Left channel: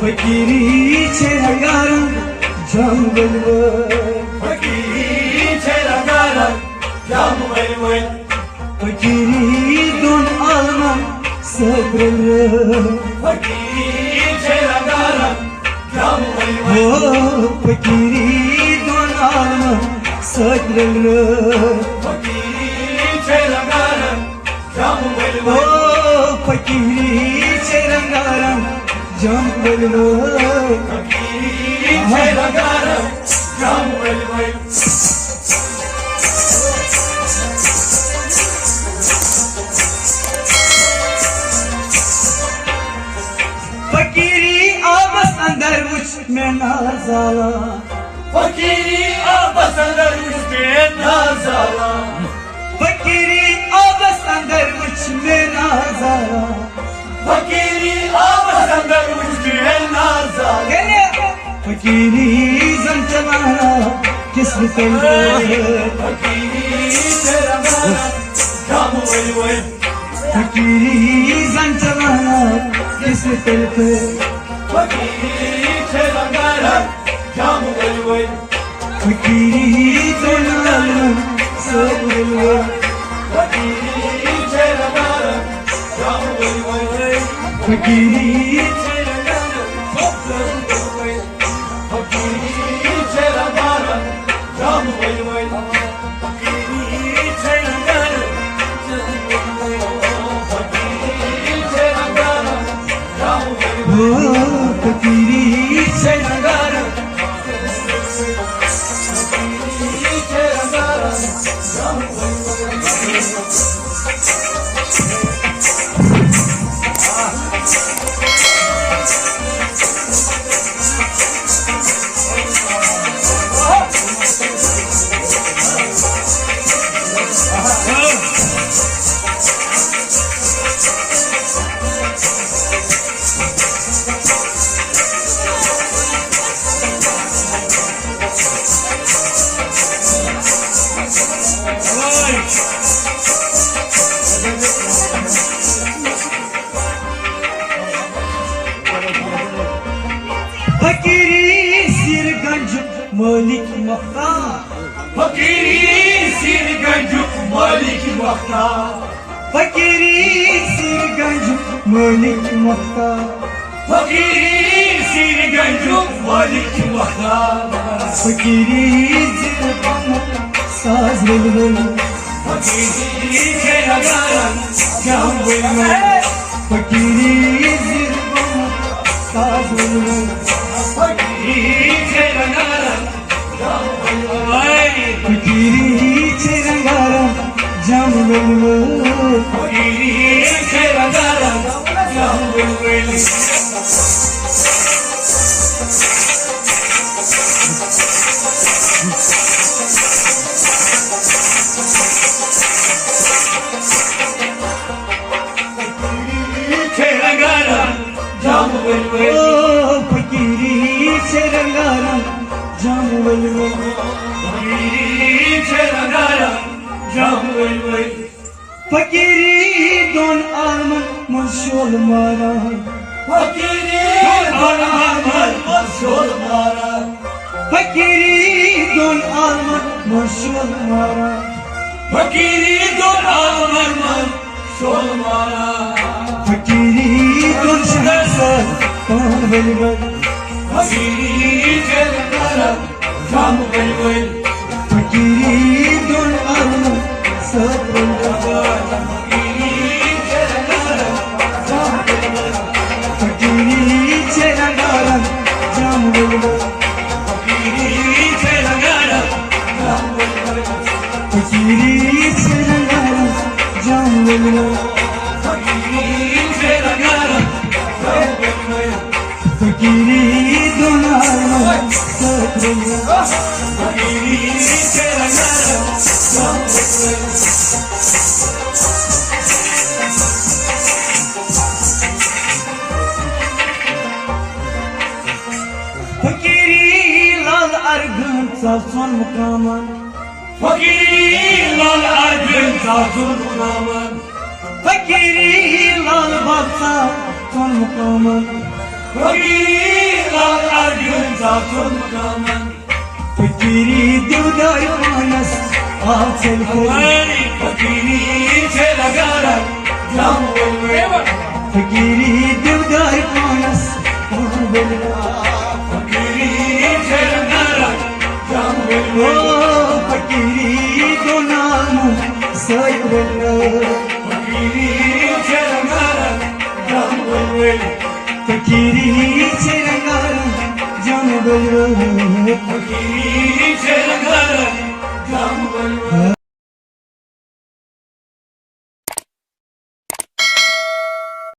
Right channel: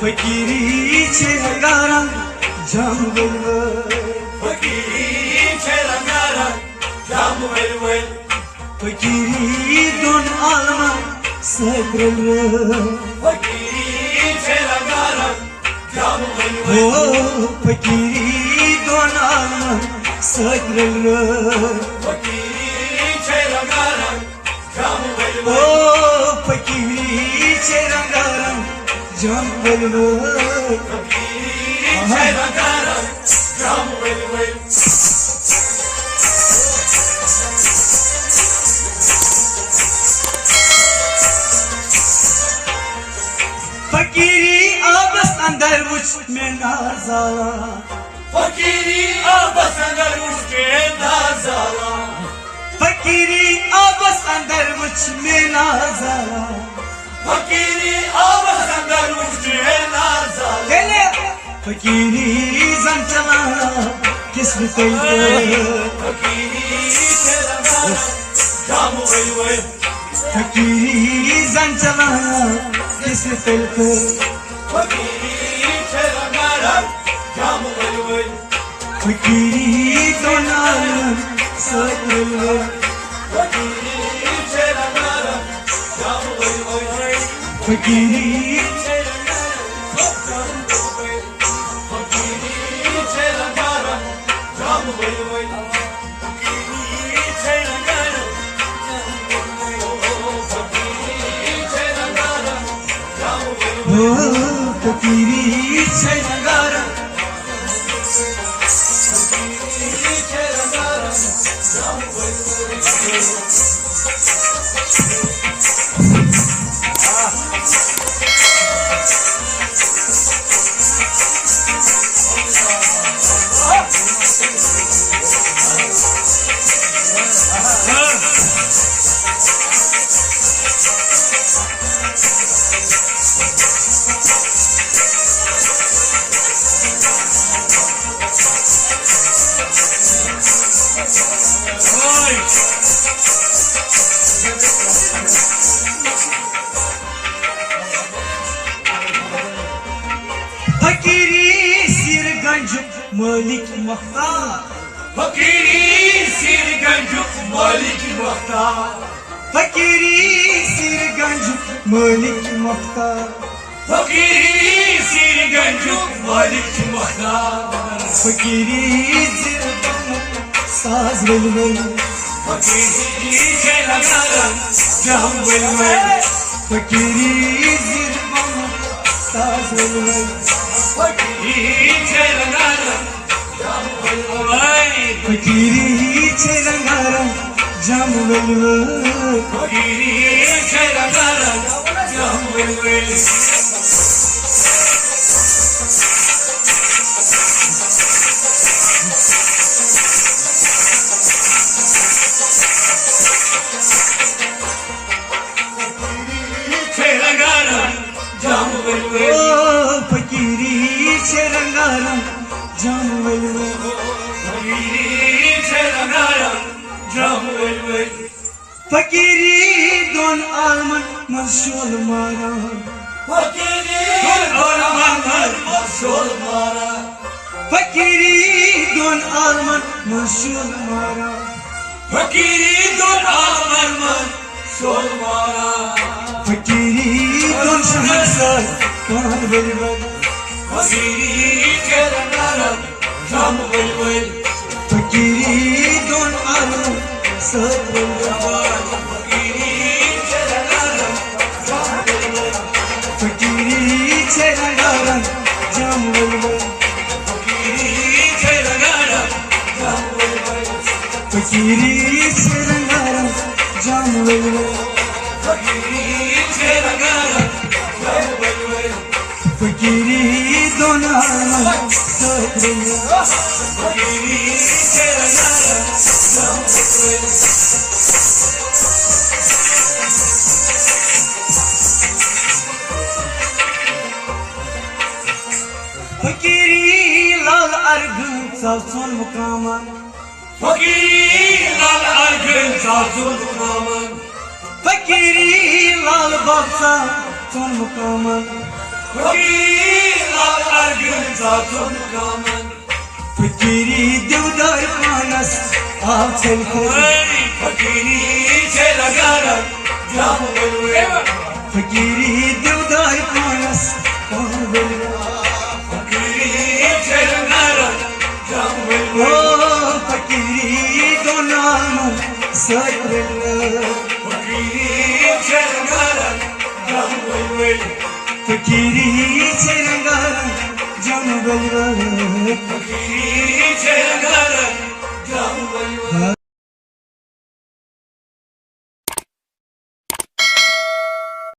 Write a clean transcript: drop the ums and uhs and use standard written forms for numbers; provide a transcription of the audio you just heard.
फकीरी छे रंगारंग जाम वलवल फकीरी छे रंगारंग जाम वलवल फकीरी दोन आलमा सगरल फकीरी छे रंगारंग जाम वलवल हो फकीरी दोन आलमा सगरल फकीरी छे रंगारंग जाम वलवल हो फकीरी छे रंगारंग जाम वलवल फकीरी छे रंगारंग जाम वलवल फकीरी आबस अंदर मुझ में नाज़ाला फकीरी आपस अंदर मुझके नाज़ाला फकीरी आबस अंदर मुझ में नाज़ाला फकीरी आपस अंदर मुझके नाज़ाला फकीरी जन चला किस्म फकीरी तेरा गाना जाम वलवल फकीरी जन चला किस्म फकीरी तेरा गाना जाम वलवल फकीरी तो नाल सब वलवल फकीरी तेरा गाना जाम वलवल फकीरी तेरा गाना सब वलवल फकीरी तेरा गाना जाम वलवल फकीरी तेरा गाना फकीरी तेरा गाना जाम वलवल हो फकीरी से नगारा फकीरी तेरा गाना जाम वलवल फकीरी सिर गंज मालिक मख्तार फकीरी सिर गंजू मालिक मख्तार फकीरी सिर गंज मालिक मख्तार फकीरी सिर गंजू मालिक मख्तार फकीरी सिर गम साज वलवल फकीरी तेरा गाना जाम वलवल फकीरी सिर गम साज वलवल फकीरी तेरा गाना जाम वलवल फकीरी छे रंगारंग जाम वलवल फकीरी तेरा गाना जाम वलवल तेरा गाना जाम वलवल ओ फकीरी छे रंगारंग जाम वलवल फकीरी तेरा गाना जाम वलवल फकीरी दोन आलमन मशोल मारा फकीरी दोन आलमन मशोल मारा फकीरी दोन आलमन मशोल मारा फकीरी दोन आलमन मशोल मारा फकीरी दोन शहंशाह कान वलवल फकीरी तेरा गाना जाम वलवल फकीरी दोन आलमन सब वलवल फकीरी तेरा गाना जाम वलवल फकीरी छे रंगारंग जाम वलवल फकीरी तेरा गाना जाम वलवल फकीरी छे रंगारंग जाम वलवल फकीरी तेरा गाना जाम वलवल फकीरी दोन आलमन सब वलवल फकीरी तेरा गाना जाम वलवल फकीरी लाल अर्घन सासुन मुकामन फकीरी लाल अर्जुन सासुन नामन फकीरी लाल बादशाह सुन मुकामन फकीरी साचून कामान फकिरी देवदार मानस आचल अरे फकिरी छेडगारा जाम बोलवे फकिरी देवदार मानस फकिरी छेडगारा जाम ओ बोलवे फकिरी दोनाम सैवल फकिरी छेडगारा जाम बोलवे फकिरी